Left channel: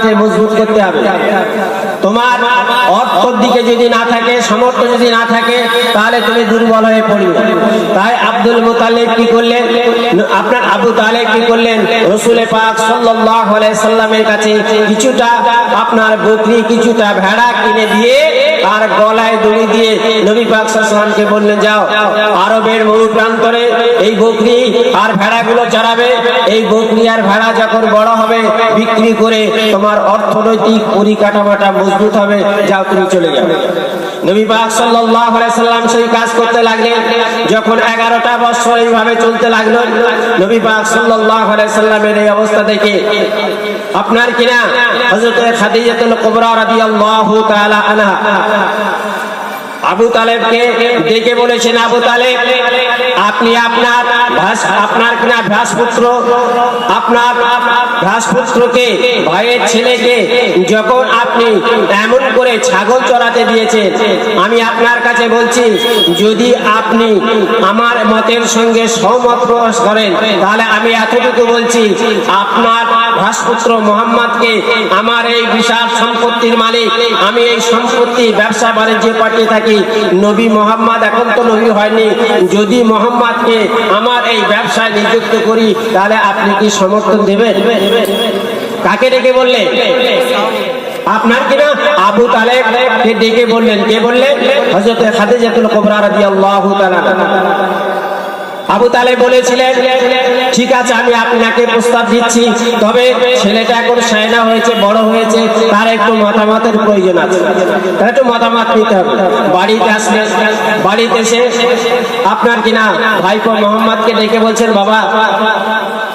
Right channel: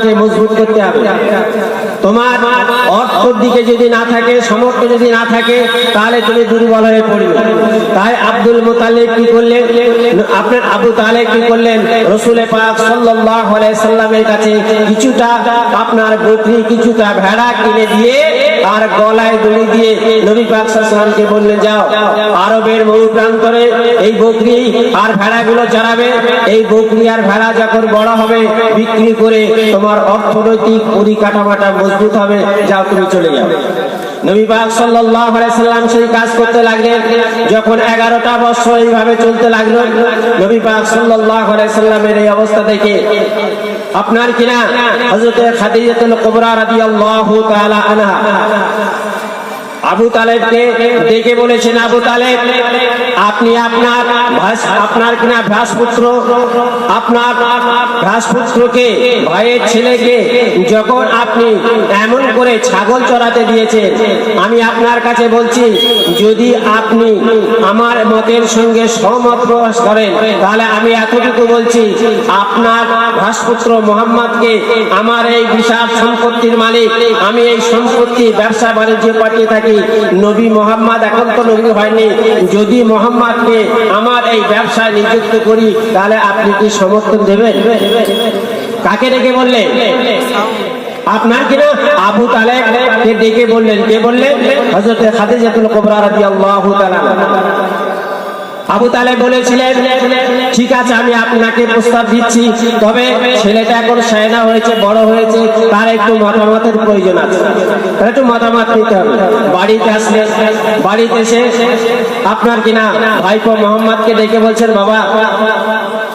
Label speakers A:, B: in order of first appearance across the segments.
A: তোমাকে মজবুত করতে হবে। তোমার অর্থর দিকে যদি না থাকে, সামর্থ্য যদি না থাকে, তাহলে তুমি দুর্বল হয়ে পড়বে। তাই আব্দুল মুতালিব কি করলেন? আপনার আবু তালেব কি করলেন? রসুলে পাক সাল্লামের কাছে কিছুটা আপনার বকরি, কিছুটা ভেড়া কিনে দিয়ে আর গলায় দড়ি দিয়ে নবী পাক সাল্লামকে বললেন, যাও, আরবের বহু প্রান্তরে এই বকরি আর ভেড়াগুলো চড়াবে। এই বকরি আর ভেড়া যখন বড় হবে, বিক্রি করে তোমার অর্থনৈতিক পরিকাঠামোটা মজবুত হবে, যাও তুমি চলে যাবে সেই কাজ করতে লাগলেন, যখন 11টা বছর এইভাবে চলতে লাগল, নবী পাক সাল্লামের এই অবস্থা দেখে, আপনার কিনা হযরত খাদিজাতুল কুবরা রাদিয়াল্লাহু আবু তালেবকে ডেকে বলেছেন, আবু তালেব আপনি আপনার আপনার কিনা ভ্রাসপুত্র আপনার ভ্রাসপুত্রকে ভাইয়ের ছেলেকে যখন আপনি এমন করে ছাগল চড়াতে দিয়েছেন আমি আপনার কাছে বলছি, যদি আপনি আমার মতের সঙ্গে প্রকাশ করেন, তাহলে আমি এতটুকু বলছি, আপনার ভ্রাসপুত্র মোহাম্মদকে আমার এই বিশাল সম্পত্তির মালিক, আমি এই সম্পত্তি ব্যবসা বাণিজ্যে পাঠিয়ে থাকি। নবী মোহাম্মদ এখন তো নবী হয়নি। যদি মোহাম্মদকে আমার এই ব্যবসায় নিযুক্ত করি, তাহলে আপনি কি সমর্থন দেবেন? কাকে ডেকে বললেন আপনার কিনা আবু তালেব। কে ডেকে বললেন, কে বললেন? হযরত খাদিজাতুল কুবরা রাদিয়াল্লাহু তাআলা আবু তালে বলেছিলেন, ঠিক আছে, আমি আপনাকে প্রস্তাব দিচ্ছি, তবে ছেলেটা এখন সেনা হয়েছে, বড় হয়েছে, তার একটু মতামতের প্রয়োজন আছে। একটু মতামত নিতে হবে। বাড়িতে আসলে, বাড়িতে এসে আপনার কিনা ভাইপো মোহাম্মদকে ডেকে বলছেন, বাবা,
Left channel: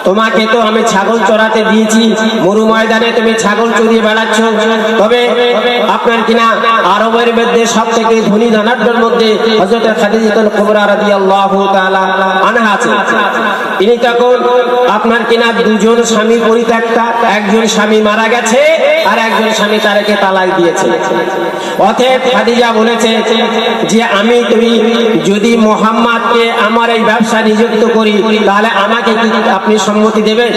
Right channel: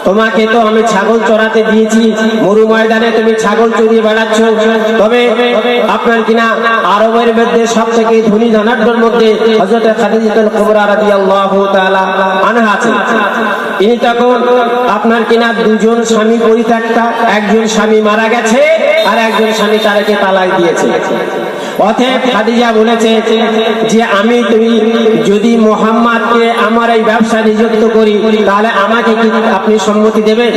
A: তোমাকে তো আমি ছাগল চড়াতে দিয়েছি, মরু ময়দানে তুমি ছাগল চড়িয়ে বেড়াচ্ছ, তবে আপনার কিনা আপনার কিনা দুজন স্বামী একজন স্বামী মারা গেছে আর একজন স্বামী তারাকে দিয়েছে। অতএব খাদিজা বলেছে যে আমি তুমি যদি মোহাম্মদকে আমার এই ব্যবসা নিযুক্ত করি, তাহলে আমাকে কি আপনি সম্মতি দেবেন?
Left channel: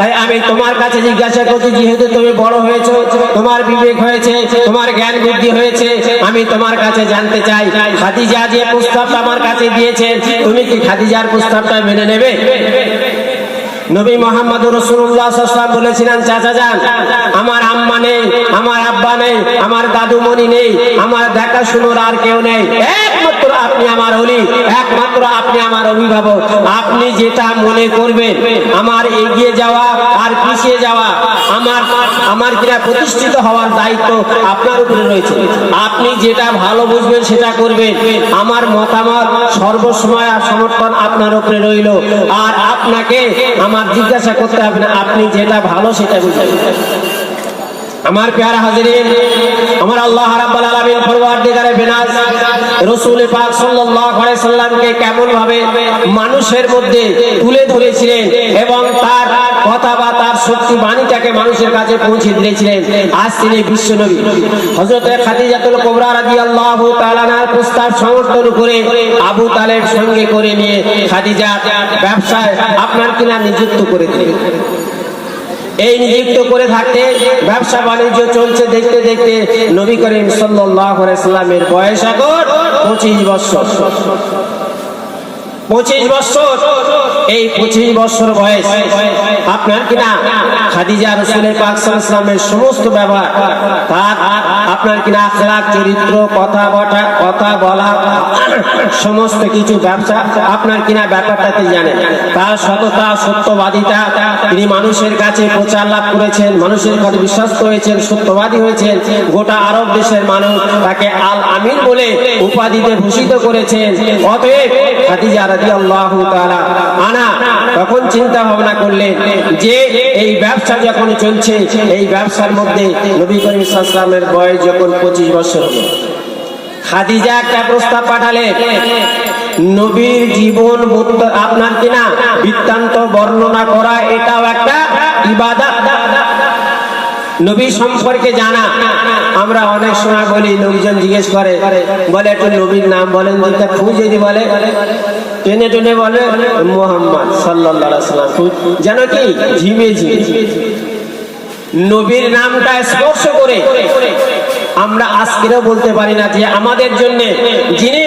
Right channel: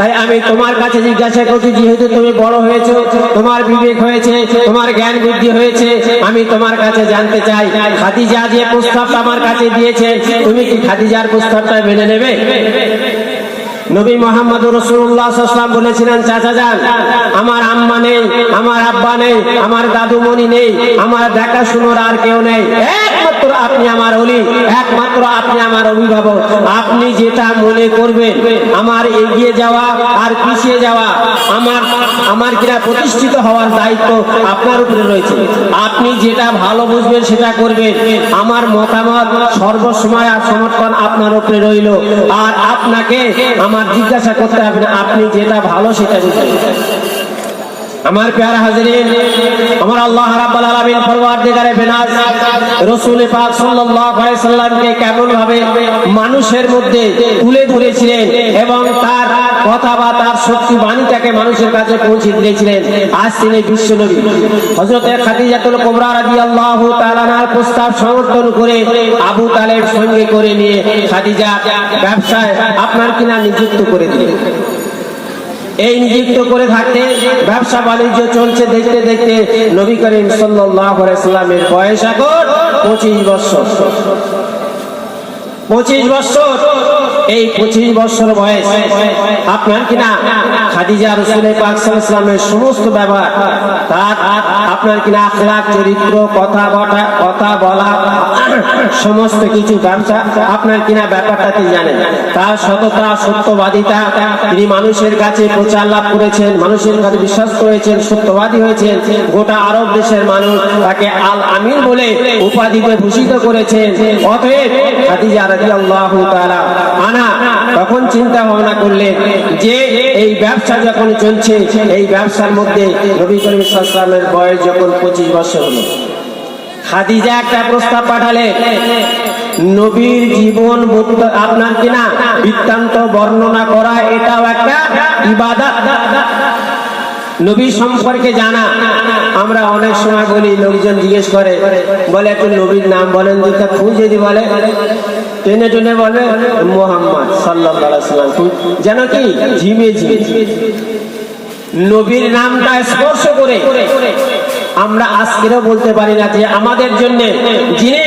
A: তাই আমি তোমার কাছে জিজ্ঞাসা করছি, যেহেতু তুমি বড় হয়েছো, তোমার বিবেক হয়েছে তোমার জ্ঞান বুদ্ধি হয়েছে আমি তোমার জানতে চাই। খাদিজা যে প্রস্তাবটা আমার কাছে দিয়েছে, তুমি কি খাদিজার প্রস্তাবটা মেনে নেবে? নবী মোহাম্মদ রসুল্লাহ বলেছিলেন, চাচা যান, আমার আম্মা নেই, আমার আব্বা নেই, আমার দাদুমণি নেই, আমার দেখাশুনোর আর কেউ নেই। একমাত্র আপনি আমার অলি, একমাত্র আপনি আমার অভিভাবক। আপনি যেটা মনে করবেন, আমার এগিয়ে যাওয়া আর পিছিয়ে যাওয়া, আমার আমার কিনা প্রতিষ্ঠিত হওয়ার দায়িত্ব আপনার উপরে রয়েছে। আপনি যেটা ভালো সেটা করবেন আমার মতামত সর্বসময় আর সমর্থন আপনার উপরে রইল। আর আপনাকে আমার জিজ্ঞাসা করতে হবে না, আপনি যেটা ভালো সেটা আমার প্যার হাজিরিন, আমার আল্লাহ কেমন ভাবে মানুষের মধ্যে তুলে ধরেছিলেন এবং তার কথা বা তার শক্তি বাণীটাকে মানুষের কাছে পৌঁছে দিয়েছিলেন, আজ তিনি বিশ্ব নবী কুবরা রাদিয়াল্লাহু তাআলার প্রস্তাব সমর্থন করে আবু তালেব সঙ্গে করে নিয়ে খাদিজা ব্যবসায় আপনার কিনা নিযুক্ত করে দিলেন এই নিযুক্ত করে থাকতে ব্যবসা বাণিজ্য চলছে দেখতে দেখতে নবী করিম সাল্লামের বয়স এখন পঁচিশ বছর। পঁচিশ বছর, এই পঁচিশ বছর বয়স আপনার কিনা খাদিজা রসুল পাক সাল্লামের সমস্ত ব্যবহার, তার আপনার কিনা আখলাক চরিত্র কথা বলা সমস্ত কিছু ব্যবসা আপনার কিনা ব্যাপারটাতে জানেন তার সততা, সত্যবাদিতা। তিনি মানুষের কাছে প্রচার লাভ করেছেন, মানুষের কাছে বিশ্বস্ত হয়েছেন, সত্যবাদী হয়েছেন। গোটা আরব দেশের মানুষ তাকে আল আমির বলে উপাধিতে ভূষিত করেছেন। আনা তখন চিন্তা ভাবনা করলেন যে এই ব্যবসা যখন চলছে, এই ব্যবসার মধ্যে নবী করিম সাল্লামের বয়স যখন পঁচিশ বছর। খাদিজা একটা প্রস্তাব পাঠালে, নবীর জীবন আপনার কিনা? বৃত্তান্ত বর্ণনা করা, এটাও একটা ইবাদত। নবী সম্পর্কে জানা। আমরা অনেক সময় বলি, লোকজন জিজ্ঞেস করে, বলে, একটু নবীর নাম বলেন দিতে ফু যদি বলে। টেনে টেনে বলে, মোহাম্মদ সাল্লাম যেন কি? ঝিমে ঝিমে। নবীর নামটা স্পর্শ করে আমরা আজকেরও বলতে পারি না যে আমাদের জন্য যিনি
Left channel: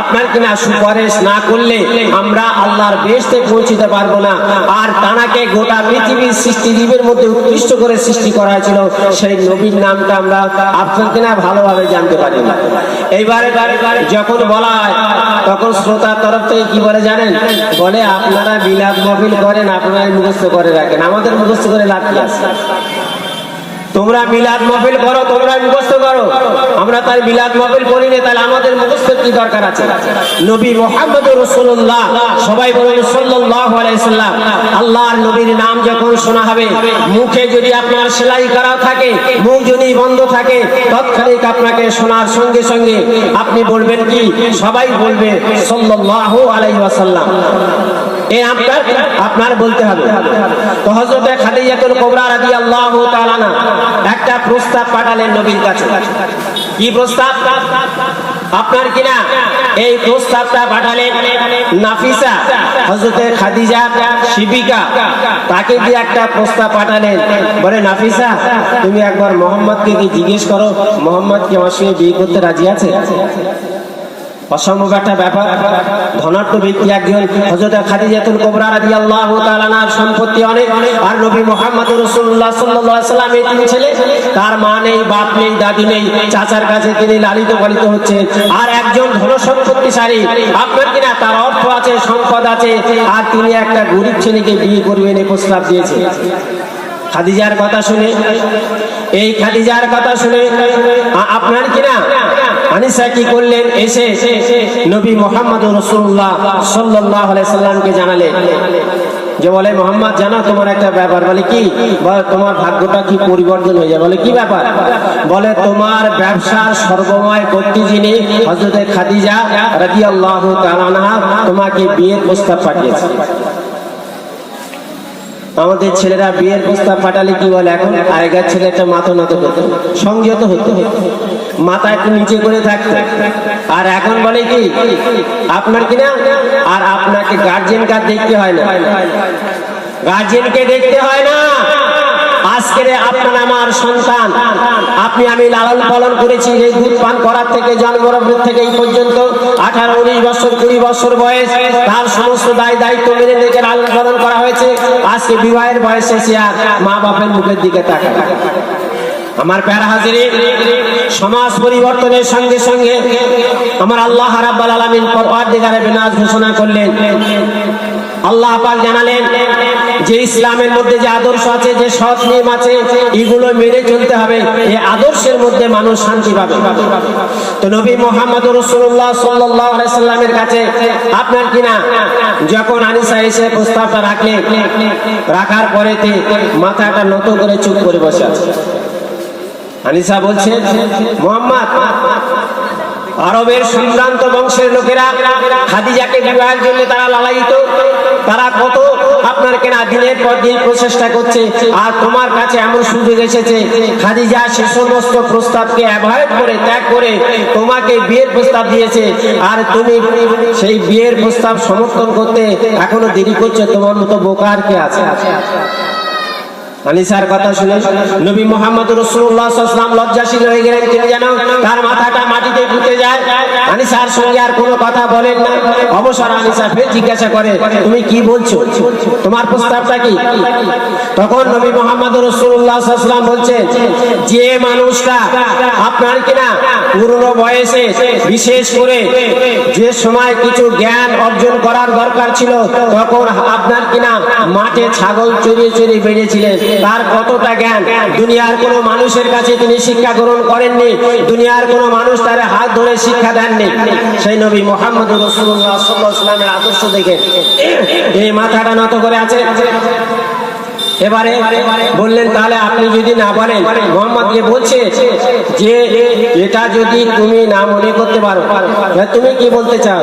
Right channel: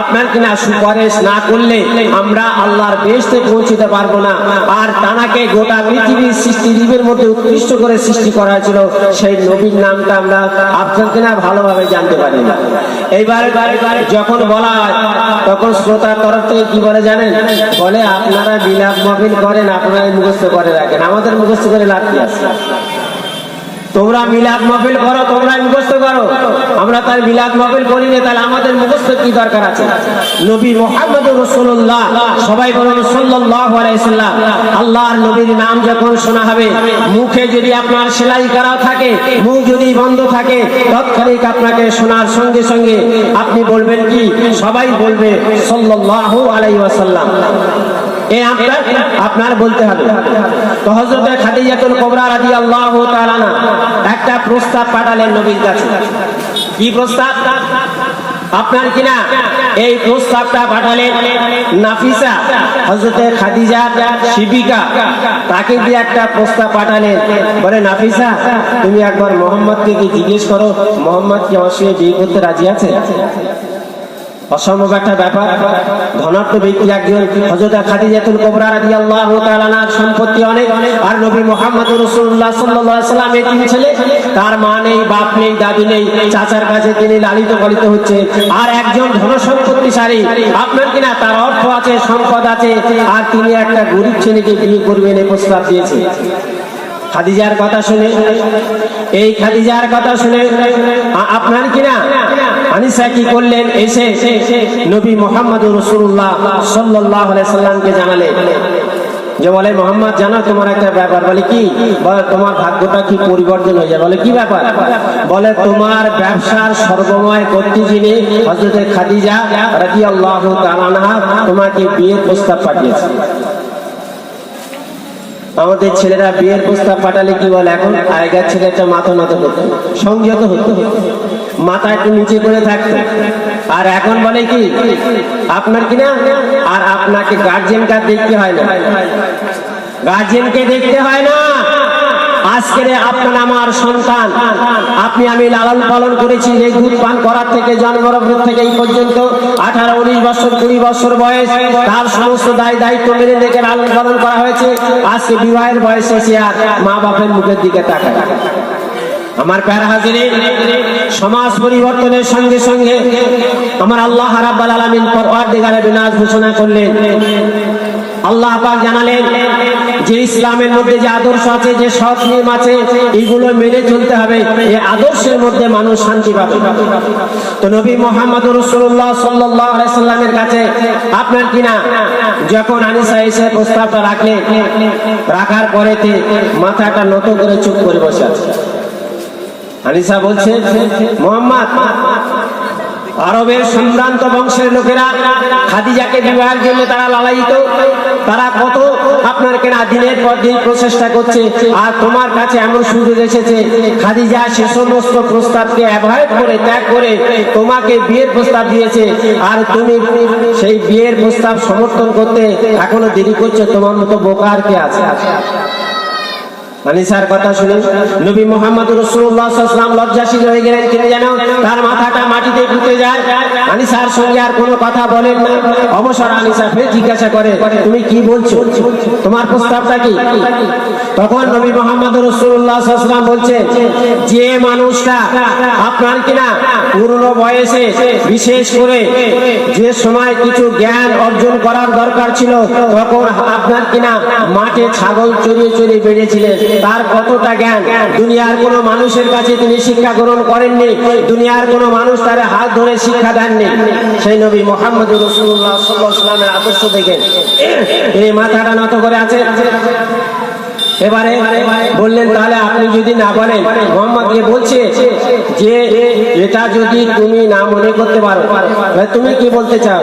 A: আপনার কিনা সুপারিশ না করলে আমরা আল্লাহর বেশতে পৌঁছতে পারব না। আর তানাকে গোটা পৃথিবীর সৃষ্টি জীবের মধ্যে উৎকৃষ্ট করে সৃষ্টি করা ছিল সেই নবীর নামটা আমরা আপনার কিনা ভালোভাবে জানতে পারি না। এইবার যখন বলা হয়, তখন শ্রোতার তরফ থেকে কি বলে জানেন? বলে, আপনারা বিলাপ মহবিল করেন, আপনারা মুখস্থ করে রাখেন। আমাদের মুখস্থ করে লাভ কি আছে? তোমরা মিলাদ মাহফিল করো, তোমরা মুখস্থ করো। আমরা তার মিলাদ মাহফিল করি না, তাহলে আমাদের মুখস্থ কি দরকার আছে? নবী মোহাম্মদ রসুল্লাহ সবাই বলুন সাল্লাল্লাহু আলাইহি আল্লাহর নবীর নাম যখন শোনা হবে, মুখে যদি আপনার সেলাই করা থাকে, মুখ যদি বন্ধ থাকে, তৎক্ষণিক আপনাকে শোনার সঙ্গে সঙ্গে আপনি বলবেন কি? সবাই বলবে সাল্লাল্লাহু আলাইহি ওয়াসাল্লাম। এই আপনার আপনার বলতে হবে তো হজরতে খাদিজাতুল কুবরা রাদিয়াল্লাহু তাআলা আনহা একটা প্রস্তাব পাঠালেন নবীর কাছে। কি প্রস্তাব? আপনার কিনা এই প্রস্তাবটা পাঠালেন নাফিসা হজরতে খাদিজা, শিবিকা। তাকে দিয়ে একটা প্রস্তাব পাঠালেন। বলে, নাফিসা, তুমি একবার মোহাম্মদকে কি জিজ্ঞেস করো, মোহাম্মদ আমার সঙ্গে বিয়ে করতে রাজি আছে? অসম্ভব একটা ব্যাপার। ধনাত্ম ব্যক্তি একজন, হযরত খাদিজাতুল কুবরা রাদিয়াল্লাহু তাআলার সম্পত্তি অনেক। আর নবী মুহাম্মদ রাসূলুল্লাহ সাল্লাল্লাহু আলাইহি তিনি লালিত পালিত হচ্ছে। আর একজন ধন সম্পত্তিশালী আপনার কিনা তার অর্থ আছে, সম্পদ আছে। আর তিনি একটা গরিব ছেলেকে বিয়ে করবেন এই প্রস্তাব দিয়েছে। খাদিজার কথা শুনে, এই খাদিজার কথা শুনে আপনার কিনা করলেন? এসে নবী মোহাম্মদ রসুল্লাহ সাল্লাহ সাল্লামকে জানালেন। যে বলে, মোহাম্মদ, জানো তোমার একটা ব্যাপার। বলে, কি? বলে, তোমার ভাগ্যটা কি পরিবর্তন হয়ে যায় বলে, কি ব্যাপার? বলে, তোমার ব্যবসার সর্বময় কর্তৃ যিনি হজরত খাদিজা রাজি আল্লাহ তোমাকে বিয়ের প্রস্তাব পাঠিয়েছে। আমাদের ছেলেরা বিয়ের প্রস্তাব পাঠালে কি বলে এখন? আগেকার ছেলেটা মাথা নত হতো সংযত হতো, মাথা একটু নিচে করে থাকতো। আর এখন বলে কি, আপনার কি না আর আপনাকে গার্জেন কার্ড দেখতে হয় না। গার্জেনকে দেখতে হয় না। আজকের আপনার আমার সন্তান, আপনি আমি লালন পালন করেছি এই দুধ পান করার থেকে জন্মগ্রহণ থেকে এই পর্যন্ত আঠারো, উনিশ বছর, কুড়ি বছর বয়স, তার সমস্ত দায় দায়িত্ব মেনে দেখে লালন পালন করা হয়েছে। আজকে বিবাহের বয়সে এসে আর মা বাপের মুখের দিকে তাকায়। আমার প্যারা হাজিরে, সমাজ পরিবর্তনের সঙ্গে সঙ্গে আমার আল্লাহ রাব্বাল আলামিন পরওয়ারদিগারে বিনাশ ঘোষণা করলেন। আল্লাহ পাক জানালেন যে ইসলামের মধ্যে যে আদর্শ আছে, যে সৎ নিয়ম আছে, এগুলো মেনে চলতে হবে। এই আদর্শের মধ্যে মানুষ শান্তি পাবে। তো নবী মোহাম্মদ রসুল্লাহ সাল্লাহ সাল্লামের কাছে, আপনার কিনা যখন আনিসা এসে প্রস্তাবটা রাখলেন রাখার পরেতে মাথাটা নত করে চুপ করে বসে আছে। আনিসা বলছে, মোহাম্মদ, আরবের সম্ভ্রান্ত বংশের লোকেরা খাদিজাকে বিবাহের জন্য তারা লালায়িত। তারা কত আপনার কেনা দিনের পর দিন প্রচেষ্টা করছে। আর তোমার কাছে এমন সুযোগ এসেছে, খাদিজা সে সমস্ত প্রস্তাবকে অ্যাভয়েড করে, ত্যাগ করে তোমাকে বিয়ের প্রস্তাব দিয়েছে। আর তুমি সেই বিয়ের প্রস্তাব সমর্থন করতে এখনও দেরি করছ, তোমার মতো বোকা কে আছে? আলিসার কথা শুনে নবী মোহাম্মদ রসুল্লাহ হয়ে গেলেন। তার মাথাটা মাটিতে পুঁতে যায়। আনিসার সঙ্গে আর আনিসা ফের জিজ্ঞাসা করে, তুমি কি বলছো? তোমার প্রস্তাবটা কি? তখন নবী মোহাম্মদ রসুল্লাহ সাল্লাম যে মানুষটা আপনার কিনা পুরনো বয়সে, বিশেষ করে যে সময় কিছু জ্ঞান অর্জন করার দরকার ছিল, তখন আপনার কিনা মাঠে ছাগল চড়িয়ে চড়িয়ে বেড়েছিলেন তার কতটা জ্ঞান? দুনিয়ার কোনো মানুষের কাছে তিনি শিক্ষা গ্রহণ করেননি। দুনিয়ার কোনো মানুষ তার হাত ধরে শিক্ষা দেননি। সেই নবী মোহাম্মদ রসুল্লাহ আদর্শ দেখে এই মাথাটা নত করে আছে। এবারে বললেন, তাহলে আপনি যদি না বলেন মোহাম্মদকে বলছে যে, এটা যদি তুমি না মনে করতে পারো তুমি কি বলতে চাও?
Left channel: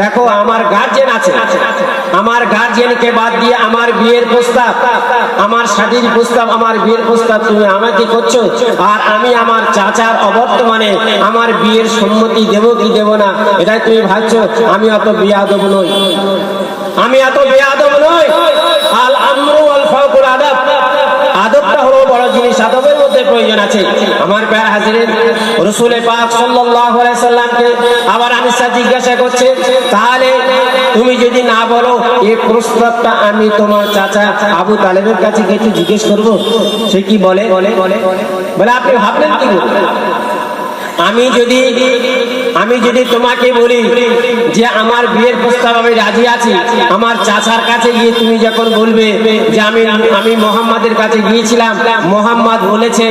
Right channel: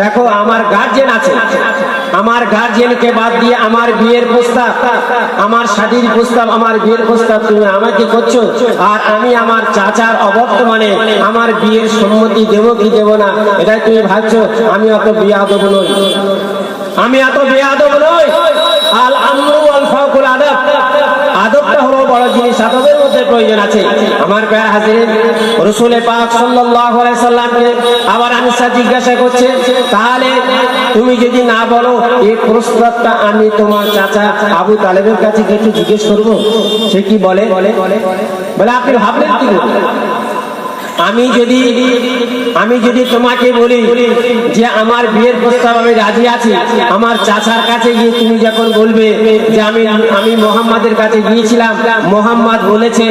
A: দেখো, আমার গার্জেন আছে। আমার গার্জেনকে বাদ দিয়ে আমার বিয়ের প্রস্তাব, আমার শাদীর প্রস্তাব, আমার বিয়ের প্রস্তাব তুমি আমাকে করছ। আর আমি আমার চাচার মানে আমার বিয়ের সম্মতি দেব কি দেব না? এটাই তুমি ভাবছ? আমি অত বিয়ে নই। আমি এত বিয়ে নই। জিজ্ঞাসা করছে, তাহলে তুমি যদি না বলো এই আমি তোমার চাচা আবু তালেবের কাছে গিয়ে জিজ্ঞেস করব? সে কি বলে বলে। বলে, আপনি ভাবলেন কি? আমি যদি আমি যদি তোমাকে বলি যে আমার বিয়ের প্রস্তাব আমি রাজি আছি, আমার চাচার কাছে গিয়ে তুমি যখন বলবে যে আমি আমি মোহাম্মদের কাছে গিয়েছিলাম, মোহাম্মদ বলেছে,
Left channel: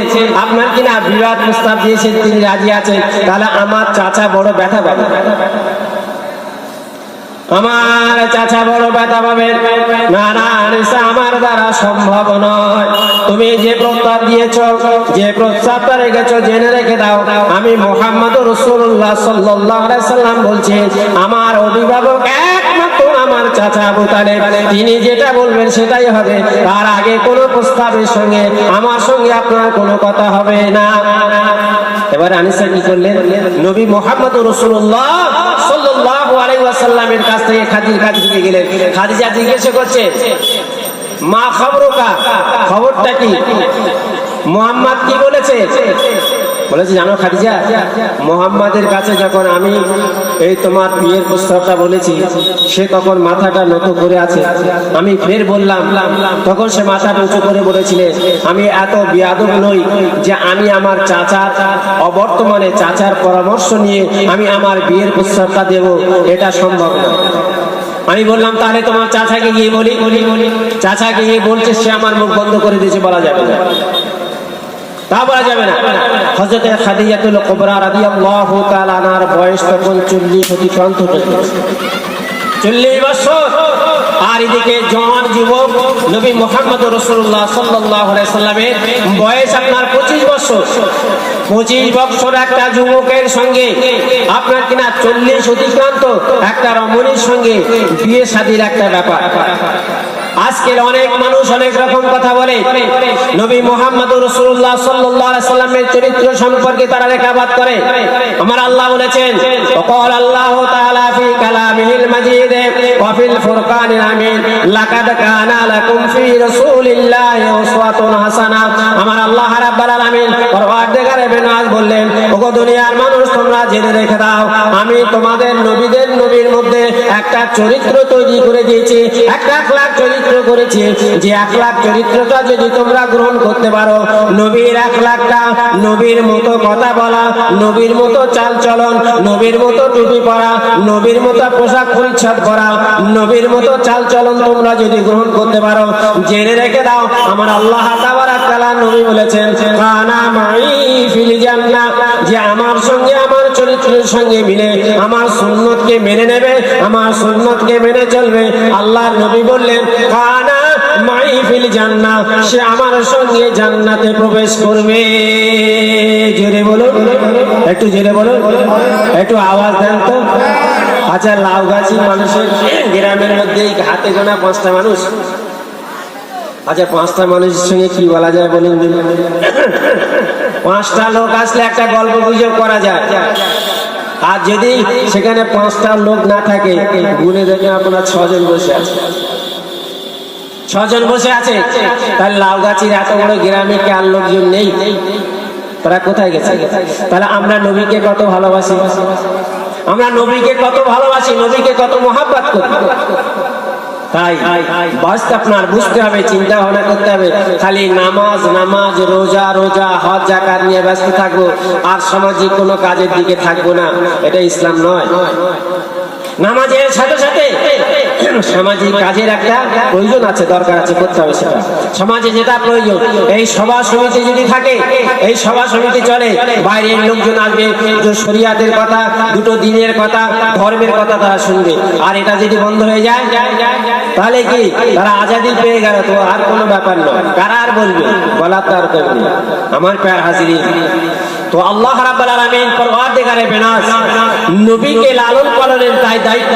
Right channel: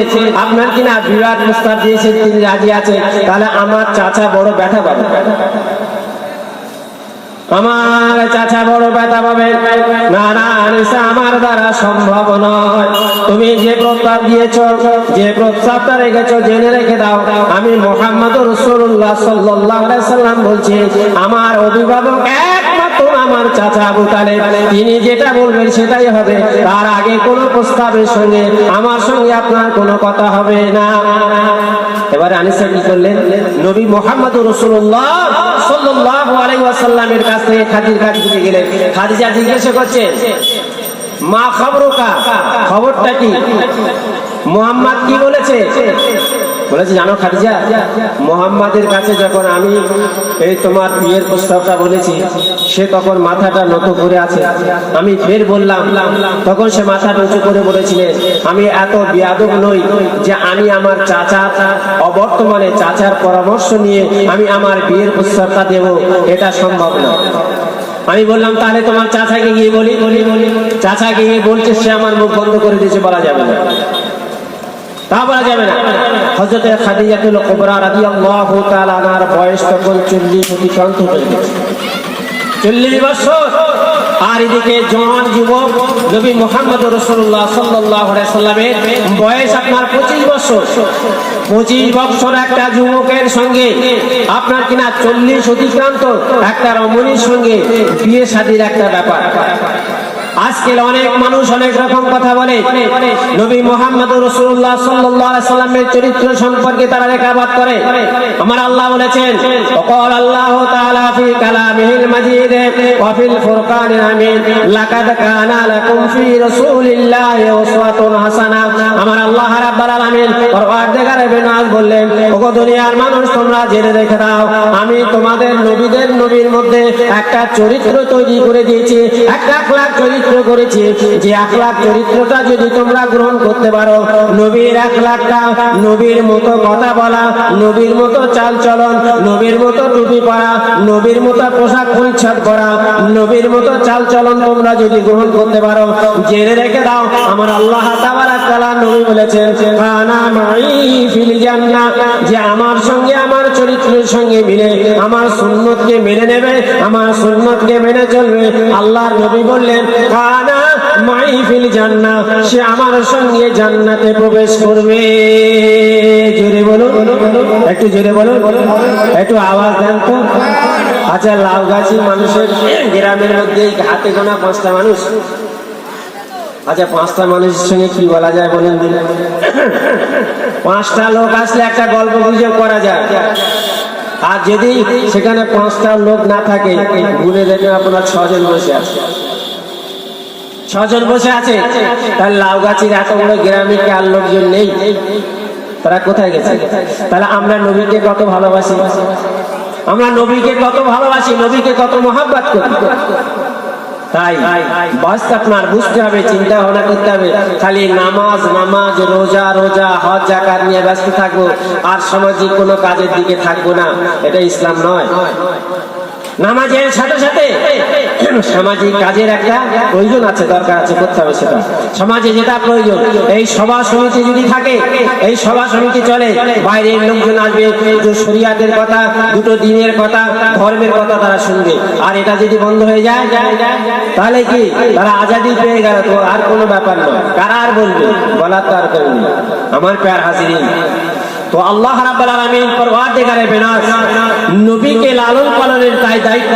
A: আপনার কিনা বিবাহ প্রস্তাব দিয়েছেন, তিনি রাজি আছেন? তাহলে আমার চাচা বড় ব্যথা পাবে। আমার চাচা বড় ব্যথা পাবেন না না আমার দ্বারা সম্ভব নয়। তুমি যে প্রস্তাব দিয়েছ যে প্রস্তাবটা রেখেছ জেনে রেখে দাও আমি মোহাম্মদ রসুল্লাহ সাল্লাম বলছি আমার অভিভাবক একমাত্র আমার চাচা আবু তালেব। তিনি যেটা বলবেন সেটাই হবে। তার আগে কোনো প্রস্তাবের সঙ্গে আমার সঙ্গে আপনার কোনো কথা হবে না। এবারে আনিসা কি করলেন? নবী মোহাম্মদ রসুল্লাহ মা খবরটা কি? মোহাম্মদ কি বলেছে? বলেছে, জানো খাদিজা, মোহাম্মদের কাছে যখন আমি এই তোমার বিয়ের প্রস্তাবটা বলেছি, সে তখন মাথাটা নত করে আছে। আমি ফের বললাম, তখন সে মাথাটা উঁচু করে বলেছিলেন আমি এত বিয়াদব নই যে আমি আমার চাচা, অবর্তমানে চাচার পরামর্শ নিয়ে আমি আমার বিয়ের প্রস্তাবটা দেব। এটা সম্ভব না আমি বললাম, তাহলে তোমার চাচাকে গিয়ে বলি। চাচাকে গিয়ে বলছে, সে আমার মুখ বন্ধ করে দিয়েছে, বলা যাবে না। তা বলা যাবে না। হজরতে খাদিজাতুল কুবরা রাদিয়াল্লাহু তাআলা আনার বয়স তখন 40 অতিক্রান্ত হয়ে গেছে 40 বছর। আর এদিকে জওয়ান যুবক নবী মোহাম্মদ রসুল্লাহ সাল্লাল্লাহু আলাইহি সাল্লামের বয়স আপনার 25 বছর। 25 বছর একটা যুবকের সঙ্গে, আপনার কিনা 40 অতিক্রান্ত একটা রমণীর সঙ্গে বিয়ে শাদীর একটা ব্যাপার। আজকের অনেক মানুষ অনেক রকম কথা বলে, নবী মোহাম্মদ রসুল্লাহ সাল্লামের চরিত্র সম্পর্কে তারা রেখাপাত করে। আমার আল্লাহ বলেছেন জেনে রেখে দাও, আমি তোমাদের মধ্যে একটা চরিত্র তৈরি করে দিয়েছে, একটা আখলাক চরিত্র করেছি। যে চরিত্র করতে পারো, নবীর এক লাখটা নবীর মতো কথা বলা, নবীর মতো চাল চলন, নবীর মতো টুপি পরা, নবীর মতো পোশাক পরিচ্ছদ করা, নবীর মতো চাল চলন তোমরা যদি গ্রহণ করতে পারো, জেনে রেখে দাও, আমার আল্লাহ তাআলা নবী বলেছেন, কানা একটু জোরে বলো। একটু আওয়াজ দেন তো। আচ্ছা লাউগাছি মানুষের গ্রামের মধ্যে হাতে গোনা পাঁচটা মানুষ। আচ্ছা পাঁচটা মানুষের সঙ্গে কি বলা যায় বলুন? পাঁচটা লোক আসলে একটা গল্প গুজব করা যায়। আর যদি সেখানে পাঁচটা লোক না থাকে ঘুরে দেখেন আপনার ছজন বসে আছে। ছজন বসে আছে? তাহলে লাউগাছির এত বড় গ্রামে কার লোকজন নেই? তারা কোথায় গেছে? তাহলে আমরা নবীকে কত ভালোবাসি? আমরা নবীকে কত ভালোবাসি, নবীকে কত মহাব্বাত করি? তাই বাস্ত আপনার বুঝতে হবে, চিন্তা ভাবনা করতে হবে। খালি নামাজ নামাজ, রোজা রোজা, হজ, জাকাত নিয়ে ব্যস্ত থাকব। আর সামাজিক কোনো কাজের দিকে থাকব না। এটা ইসলাম নয়। নামাজের সাথে সাথে সামাজিক কাজের একটা প্রয়োজন আছে, দরকার আছে, করতে হবে সেটা। সমাজে যেটা প্রয়োজন, এই সভা সমিতি যদি থাকে, এই সভা সমিতি চলে, বাইরের লোকজন আসবে দুটো শরিয়াতের কথা, দুটো দিনের কথা, ধর্মের কথা তারা শুনবে। আর এটা যদি বন্ধ হয়ে যায়, তাহলে কি? তারা আজাদি পেয়ে গেল তো আর কোনো ব্যাপার নয়। কারা আর বলবে? বলার দরকার নেই। আমার প্যার হাসিরি তো আল্লাহ রাব্বুল আলামিন বেনাস, নবীকে লালন পালনের দায়িত্ব।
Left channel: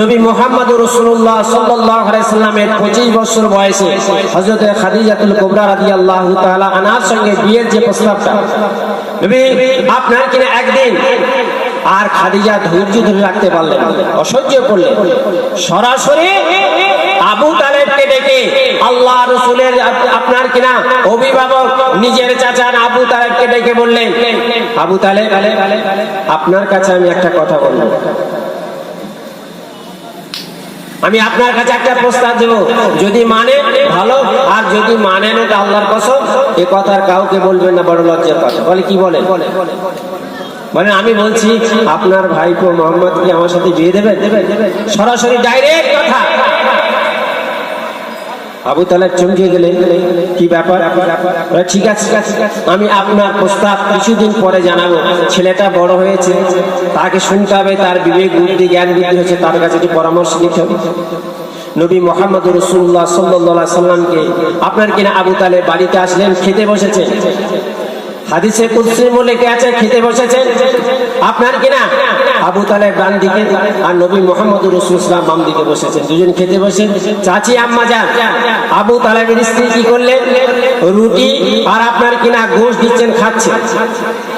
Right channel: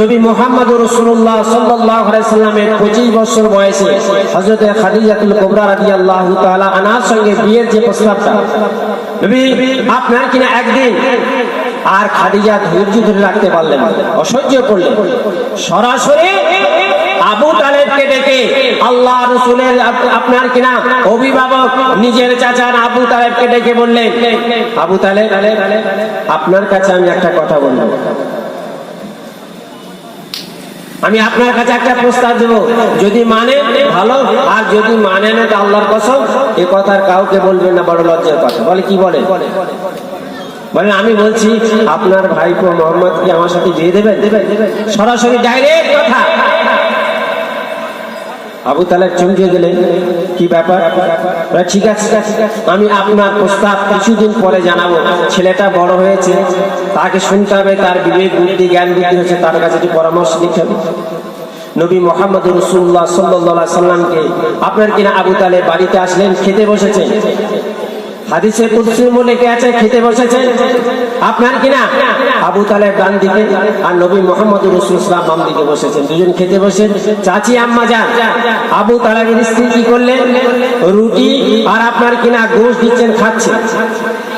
A: নবী মুহাম্মদ রাসূলুল্লাহ সাল্লাল্লাহু আলাইহি সাল্লামের 25 বছর বয়সে হযরত খাদিজাতুল কুবরা রাদিয়াল্লাহু তাআলা আনার সঙ্গে বিয়ের যে প্রস্তাবটা, নবী আপনার কিনা একদিন আর খাদিজা ধৈর্য ধরে রাখতে পারলেন অসহ্য সরাসরি আবু তালেবকে ডেকে আল্লাহ রসুলের আপনার কিনা অভিভাবক, নিজের চাচার আবু তালেবকে ডেকে বললেন আবু তালেব আপনার কাছে আমি একটা কথা বলব। আমি আপনার কাছে একটা প্রস্তাব দেবো। যদি মানে ভালো, আর যদি মানেন এটা আল্লাহর কসম, এ কথা কাউকে বলবেন না, বড় লজ্জার কথা। বলে কি বলে? মানে আমি বলছি, আপনার ভাইপো মোহাম্মদ কি আমার সাথে বিয়ে দেবে সরাসরি ডাইরেক্ট আবু তালেব চমকে গেলেন, কি ব্যাপার? ঠিক আছে, আমি আপনার প্রস্তাব কিছুদিন পরে জানাব। ছেলেটা বড় হয়েছে, তাকে শুনতে হবে, তার বিবেক, বুদ্ধি, জ্ঞান, বুদ্ধি হয়েছে তার কাছে একটু পরামর্শ নিতে হবে। নবী মোহাম্মদ রসুল্লাহ সাল্লাহ সাল্লামকে, আপনার কিনা আবু তালে বাড়িতে আসলেন? খেতে বসেছে হাদিসে কুদসির লেখে আছে? খেতে বসেছে আপনার কিনা আবু তালেব ডান দিকে আর নবী মোহাম্মদ রসুল ইসলাম বাম দিকে বসেছে দুজন খেতে বসে চাচি, আম্মা যান। আবু তালেবের স্ত্রী কি করলেন? রুটি আর আপনার কিনা গোশ দিচ্ছেন খাচ্ছে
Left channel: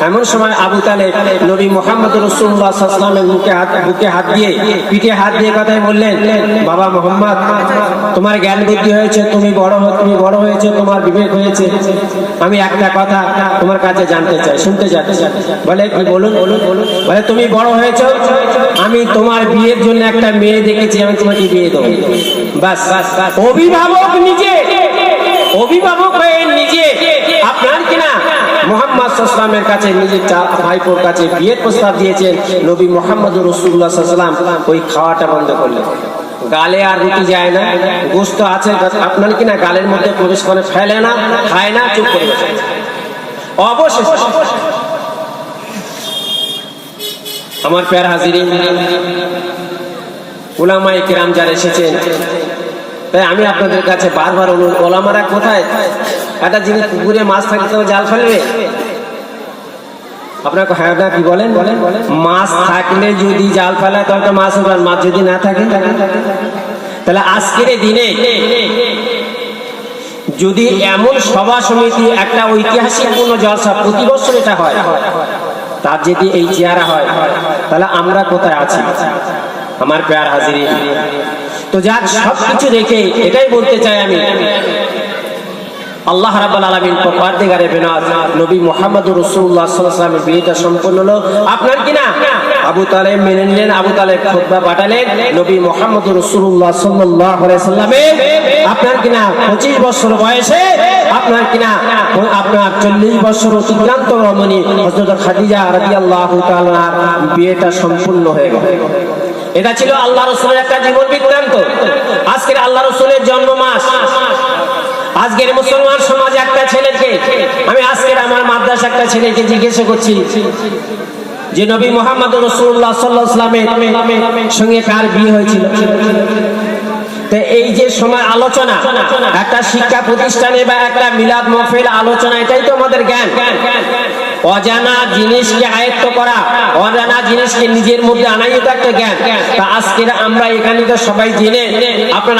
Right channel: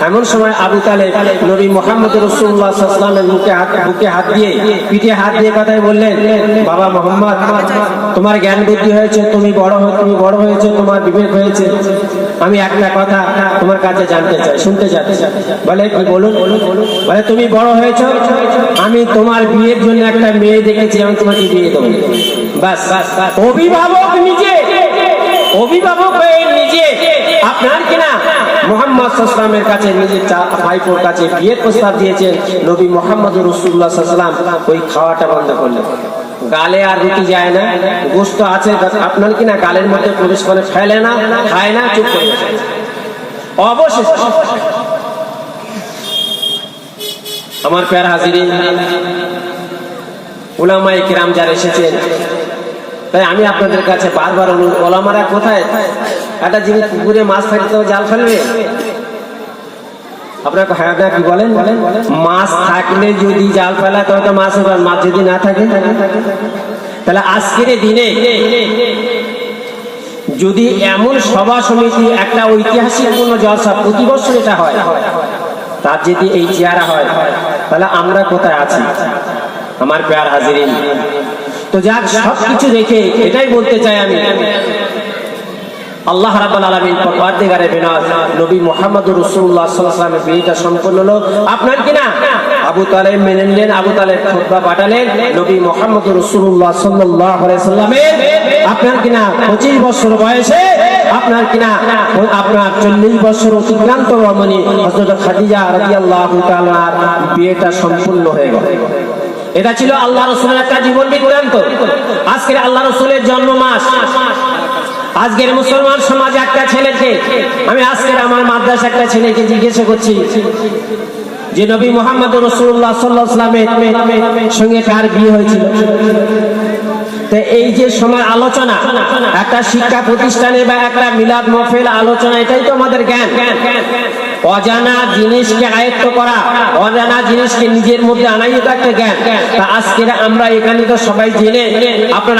A: এমন সময় আবু তালেব নবী মোহাম্মদ রসুল্লাহ সাল্লামের মুখে হাত, বুকে হাত দিয়ে পিঠে হাত দিয়ে কথায় বললেন, বাবা মোহাম্মদ, তোমার জ্ঞান বুদ্ধি হয়েছে, তুমি বড় তুমি বড় হয়েছে, তোমার বিবেক হয়েছে। আমি একটা কথা তোমার কাছে জানতে চাই, শুনতে চাই। বলে, কি বলুন? বলে, তুমি বড় হয়েছো, আমি তোমার বিয়ের জন্য একটা মেয়ে দেখেছি, আমি তোমাকে বিয়ে দেবো। বাস অভিভাবক নিজে, অভিভাবক হয়ে নিজে, আপনার কিনা মোহাম্মদ সাল্লামের কাছে নিজের ভাইপোর কাছে বিয়ের প্রস্তাব দিয়েছেন। নবী মোহাম্মদ রসুল্লাহ সাল্লাম ওই খাওয়াটা বন্ধ করলেন। গালে আর রুটি যায় না। গোস্ত আছে আপনার কিনা গালের মধ্যে প্রবেশ করে ফেলে না, খায় না, চুপ করে অবশেষে আমার প্যার হাজির উলামাই কিরাম যারা এসেছেন, তাই আমি আপনাদের কাছে বারবার ওলামারা কোথায়? একটা পুকুরে মাছ জাল ফেলবে? হ্যাঁ বলেন বলেন? মাছ থাকলে যদি জাল ফেলা তাহলে মাছ মাছ যদি না থাকে, তাহলে আজকের দিনে যদি এমন সভা সমিতি একটা ঐতিহাসিক কোন জলসা প্রতি বছর এটা হয়, তার যদি এই চেহারা হয়, তাহলে আমরা কোথায় আছি? আমার প্যার হাজির তো যাক, সবকিছু দেখে এটাই বলতে চাই আমি। আল্লাহ রাব্বাল আলামিন পরদিগারে বেনাজ নবী মুহাম্মদ রাসূলুল্লাহ সাল্লাল্লাহু আলাইহি ওয়াসাল্লামের বিয়েটা সম্পন্ন হলো। আবু তালেব মেনে নিলেন, আবু তালেব খুতবা পাঠালেন। নবী মুহাম্মদ রাসূলুল্লাহ সাল্লাল্লাহু আপনার কি না 25 বছর বয়সে? আপনার কিনা আপনার চল্লিশ বছর অতিক্রান্ত রমণী হযরত খাদিজা রাদিয়াল্লাহু তাআলা বিয়েটা সম্পূর্ণ হয়ে গেল। এটা ছিল আল্লাহ রসুলের একটা জীবন বৃত্তান্ত। আজকের আল্লাহ রসুলের জন্ম মাস আজকের মুসলমান সমাজে একটা ছেলেকে, আমি আজকের আমার মাদ্রাসা একটা ছেলেকে জিজ্ঞেস করছি যে নবী মোহাম্মদ রসুল্লাহ সাল্লাহামের সঙ্গে কার বিয়ে হয়েছিল? এই যে সময় আলোচনা, একটা শিক্ষা প্রতিষ্ঠানে বা একটা মিলাদ মফেল আলোচনা, এটাই তো আমাদের জ্ঞান। অজানা জিনিসকে আয়ত্ত করা, অজানা জিনিসকে নিজের মধ্যে আনাই তো একটা জ্ঞান। আজকে আমরা এখানে তো সবাই জেনে, আপনার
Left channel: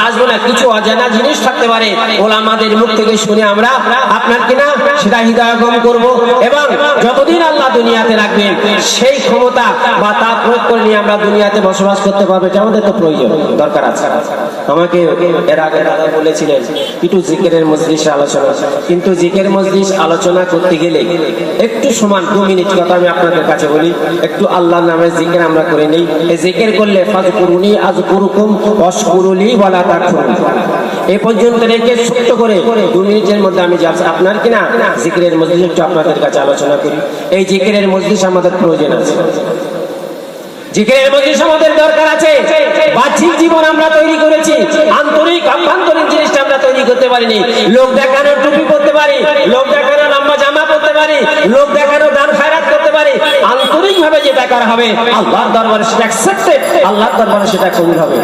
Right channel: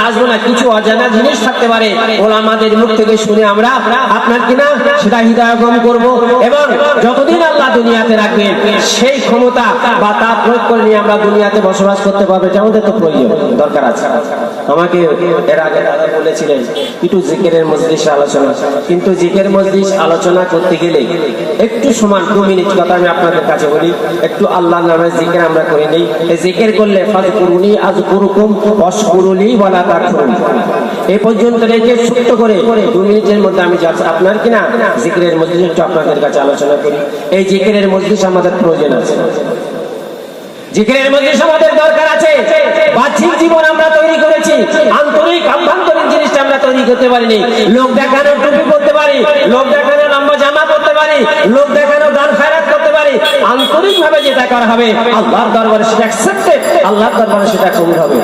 A: অজানা জিনিস থাকতে পারে। ওলামাদের মুখ থেকে শুনে আমরা আপনার কিনা সেটা হৃদয়গম করব এবং যতদিন আল্লাহ দুনিয়াতে রাখবেন সেই ক্ষমতা বা তার প্রয়োগ আমরা দুনিয়াতে বসবাস করতে পারব আমাদের তো প্রয়োজন, দরকার আছে। আমাকে এর আগে দাদা বলেছিলেন, একটু জিকেরের মজলিসে আলোচনা। কিন্তু জিকের মজলিস আলোচনা করতে গেলে একটু সমান দু মিনিট কথা আমি আপনাদের কাছে বলি। একটু আল্লাহ নামের জিকের আমরা করে নেই। জিকের করলে ফাজ করুনি আজ কুরুকুম অসকুরুলি বলা তা এ পর্যন্ত রেখে ছোট্ট করে দু মিনিটের মধ্যে আমি যাচ্ছি। আপনার কিনা জিকের মজলিস একটু আপনাদের কাছে আলোচনা করি? এই জিকের মজলিস আমাদের প্রয়োজন আছে। জিকিরের মজলিস আমাদের দরকার আছে। বাহ্যিক জীবন আমরা তৈরি করেছি। আন্তরিক আভ্যন্তরিক জিনিসটা আমরা তৈরি করতে পারিনি। লোক দেখানোর টুপি করতে পারি। লোক দেখানোর আমরা জামা করতে পারি। লোক দেখানোর দান খায়রাত করতে পারি আন্তরিক হবে, আল্লাহর দরবারে সেটা অ্যাকসেপ্টেড আল্লাহর দরবারে সেটা কবুল হবে।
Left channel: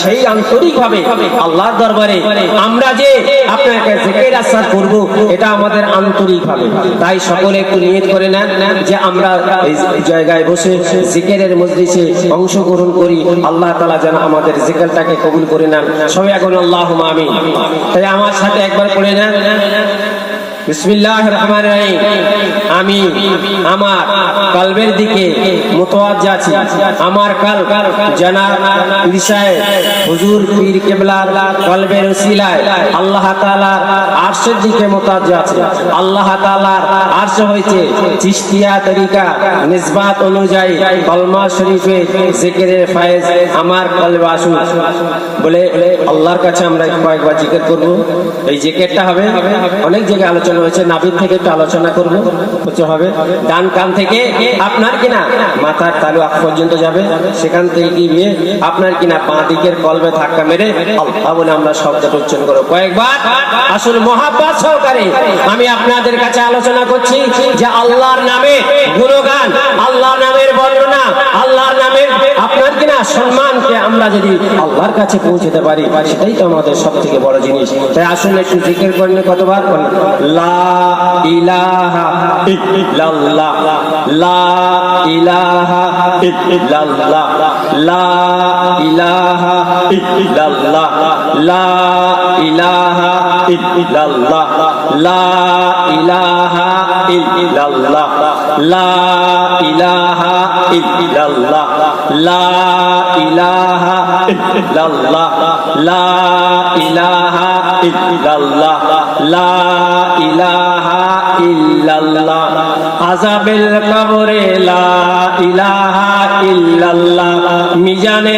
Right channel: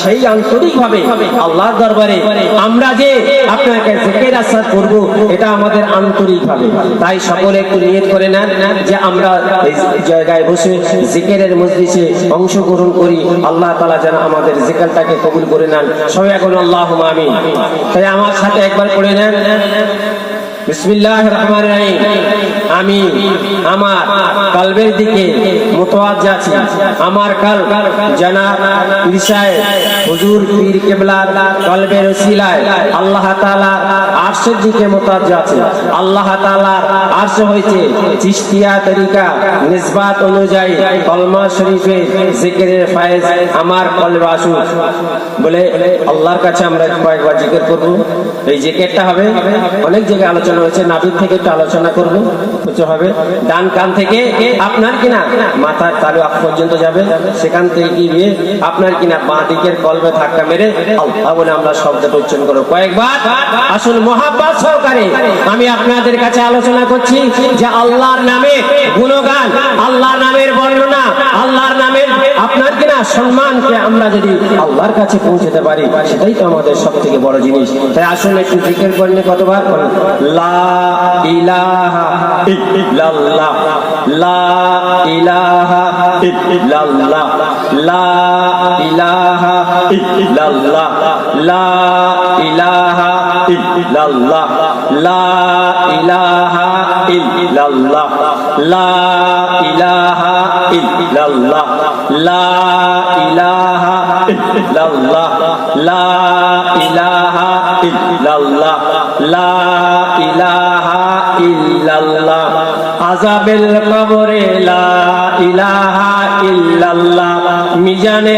A: সেই আন্তরিক ভাবে আল্লাহর দরবারে আমরা যে আপনাকে করব, এটা আমাদের আন্তরিক ভাবে তাই সকলে একটু নিয়ত করে নেন যে আমরা এই জায়গায় বসে মজলিসে অংশগ্রহণ করি। আল্লাহ তাআলা যেন আমাদের জিকিরটাকে কবুল করে নেন। সবাই এখন আল্লাহ আমিন। তাই আমার সাথে একবার করে নেন। আমি আমার কালবের দিকে আমার কাল জানা ঈশায় হুজুর পীর কেবলা কলবের ওসিলায় আল্লাহ তাআলা আরশের দিকে মোতাজ আছে। আল্লাহ তাআলা আরশ হয়েছে চিশতিয়া তরিকা নিসবাত অনুযায়ী কলমা শরীফে জিকিরের ফায়েজ আমার কলবে আসুক। বলে আল্লাহর কাছে আমরা কয়েকবার জিজ্ঞেস করব। এই জিজ্ঞেসটা হবে, অনেক জায়গায় আলোচনা হয়েছে নাভির থেকে একটু আলোচনা করব, হচ্ছে হবে, ডান কান থেকে, আপনার কিনা, মাথার তালু আগ পর্যন্ত যাবে, সেখান থেকে গিয়ে আপনার কিনা বাঁ দিকের কলবে ধাক্কা মেরে বলে, আমরা শব্দটা উচ্চারণ করব। কয়েকবার আসলে মহাব্বাত সহকারে, আমি আপনাদের কাছে আলোচনা করছি, যে আল্লাহর নামে গুণগান আল্লাহর নামের বর্ণনা আল্লাহর নামের আপনার কিনা সম্মানকে আমরা যদি আল্লাহর কাছে পৌঁছতে পারি, সেটাই তো আমাদের সব থেকে বড় জিনিস। তাই আসুন একটু জিজ্ঞেস করলে কতবার? ইল্লাল্লাহ, লা ইলাহা ইল্লাল্লাহ, লা ইলাহা ইল্লাল্লাহ লা ইল্লাল্লাহ মিজানের